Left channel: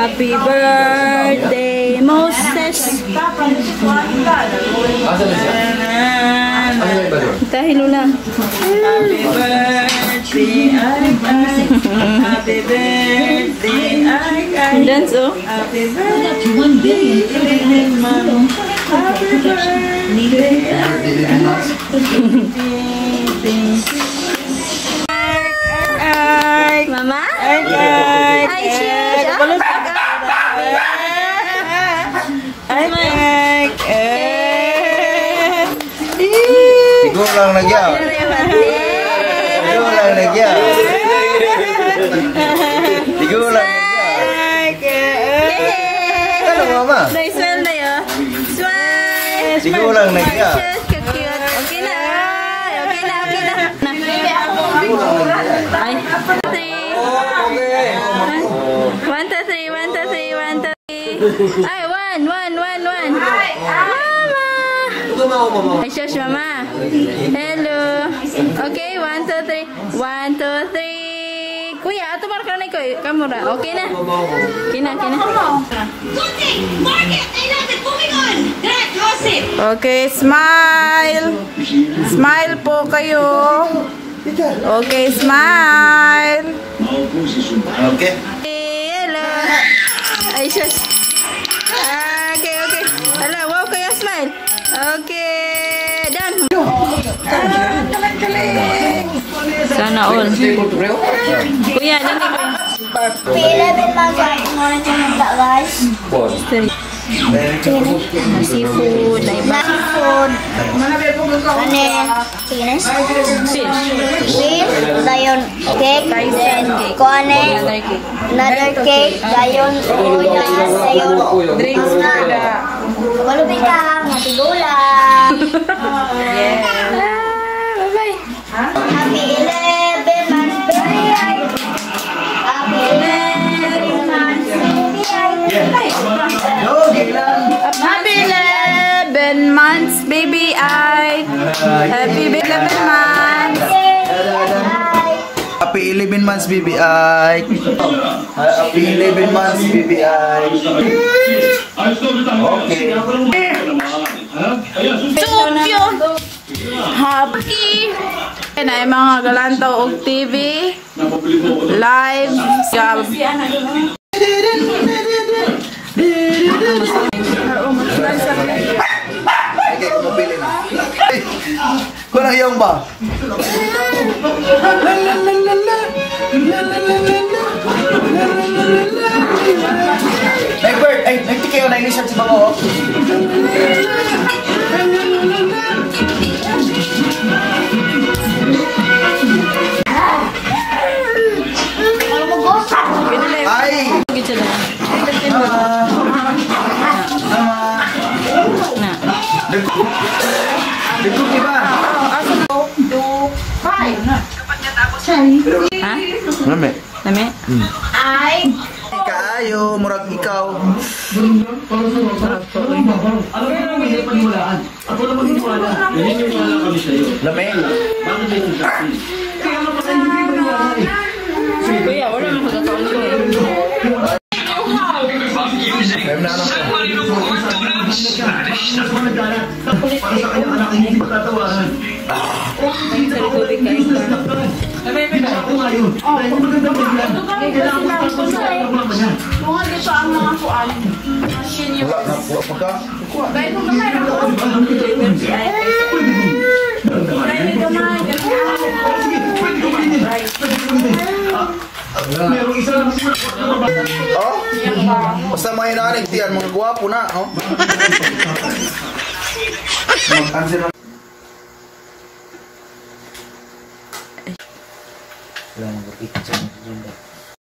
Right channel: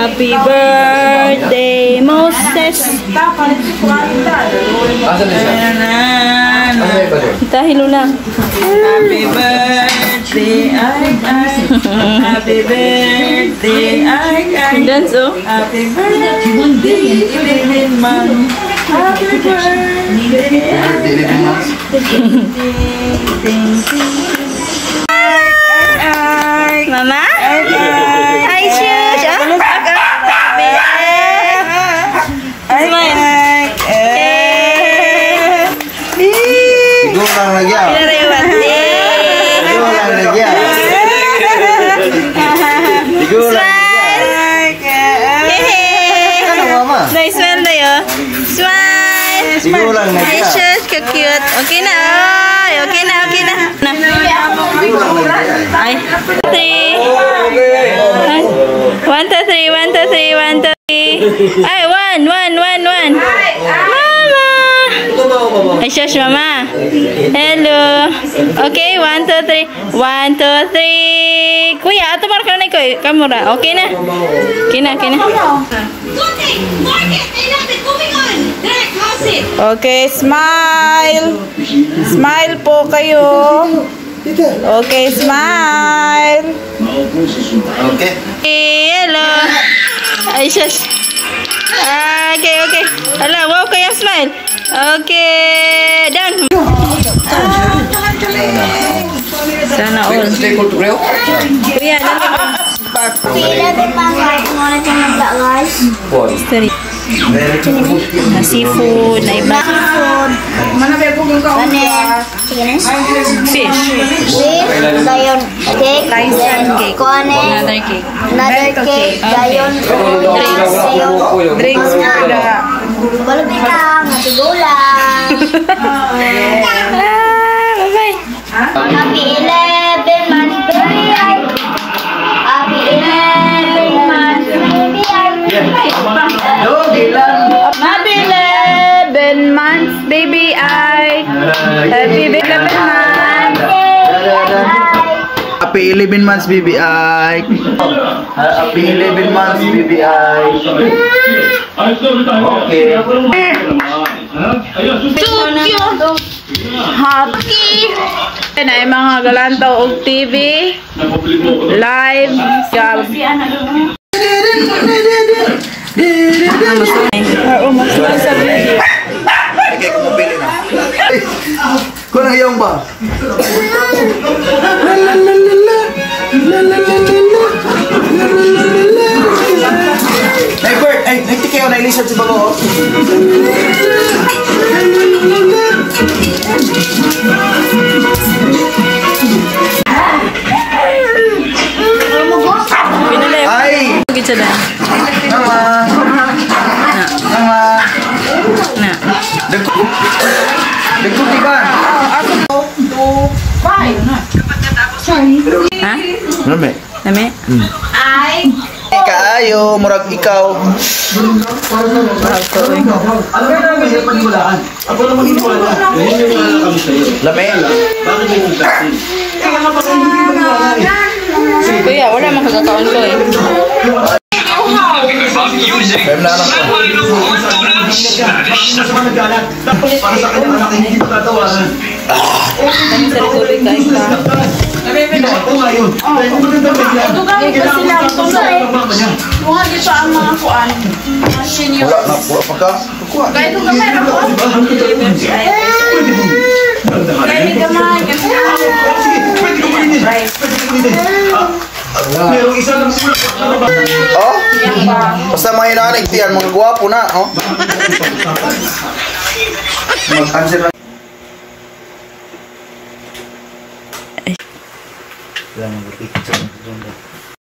Happy birthday, Moses. Dahil lang. Happy birthday, happy birthday, Dance, oh. happy birthday, happy birthday. Mama? Hi, Shush. Igo lang lagi ah. Igo lang lagi ah. Igo lang lagi ah. Ano mama? Nice smile na yun. Smile. Igo lang lagi Hi, ah. Shush. Ka-cute. Okay na. Okay na. Okay na. Igo lang lagi ah. Ay. 3. 1, 2, 3. 1, 2, 3. 1, 2, 3. Ay, 1. Mama. Ay, Shush, mama. Hello. Okay, 1, 2, 3. 1, 2, 3. Kuya, ato mark na ko. Kamura. Okay na. Okay na. Okay, smile. Smile po kayo. Okay, smile. Okay. Hello. Ay, Shush. Okay. Hala, wow kayang smile. Okay, done. Sana all. Kuya, history. Na seafood, na iba. Fish. Dayon cake, Tyson cake. another cake. Another cake, dayon Drinks muna. balubitang, natigulang. Bye-bye. Happy 11 months, baby. Happy 11 months, baby. Happy 11 months, baby I. Happy 11 months. Happy 11 months BBI. Happy 11 months BBI. Okay. Happy. Na ay mga galantaw og TV. Live. Okay, kumapili na. Kung nangyaong ba? Bert, ay, nagtiki ako na ilisap si Bago. Ay! Gitu na. Mama! Mama! Na. Dagkot di ba? Ha? Lame. Lami? Kaayo, murag ikaw. Lame. Kuya, wala mang kagakaon ko eh. Kaya na anak ko. Ay, sa tubig ka ika. Wala na, wala pa ka. Oh? Basta mga hinahanig tiyan, mga guwapo na, oh? Mag-answer lang. Wala na,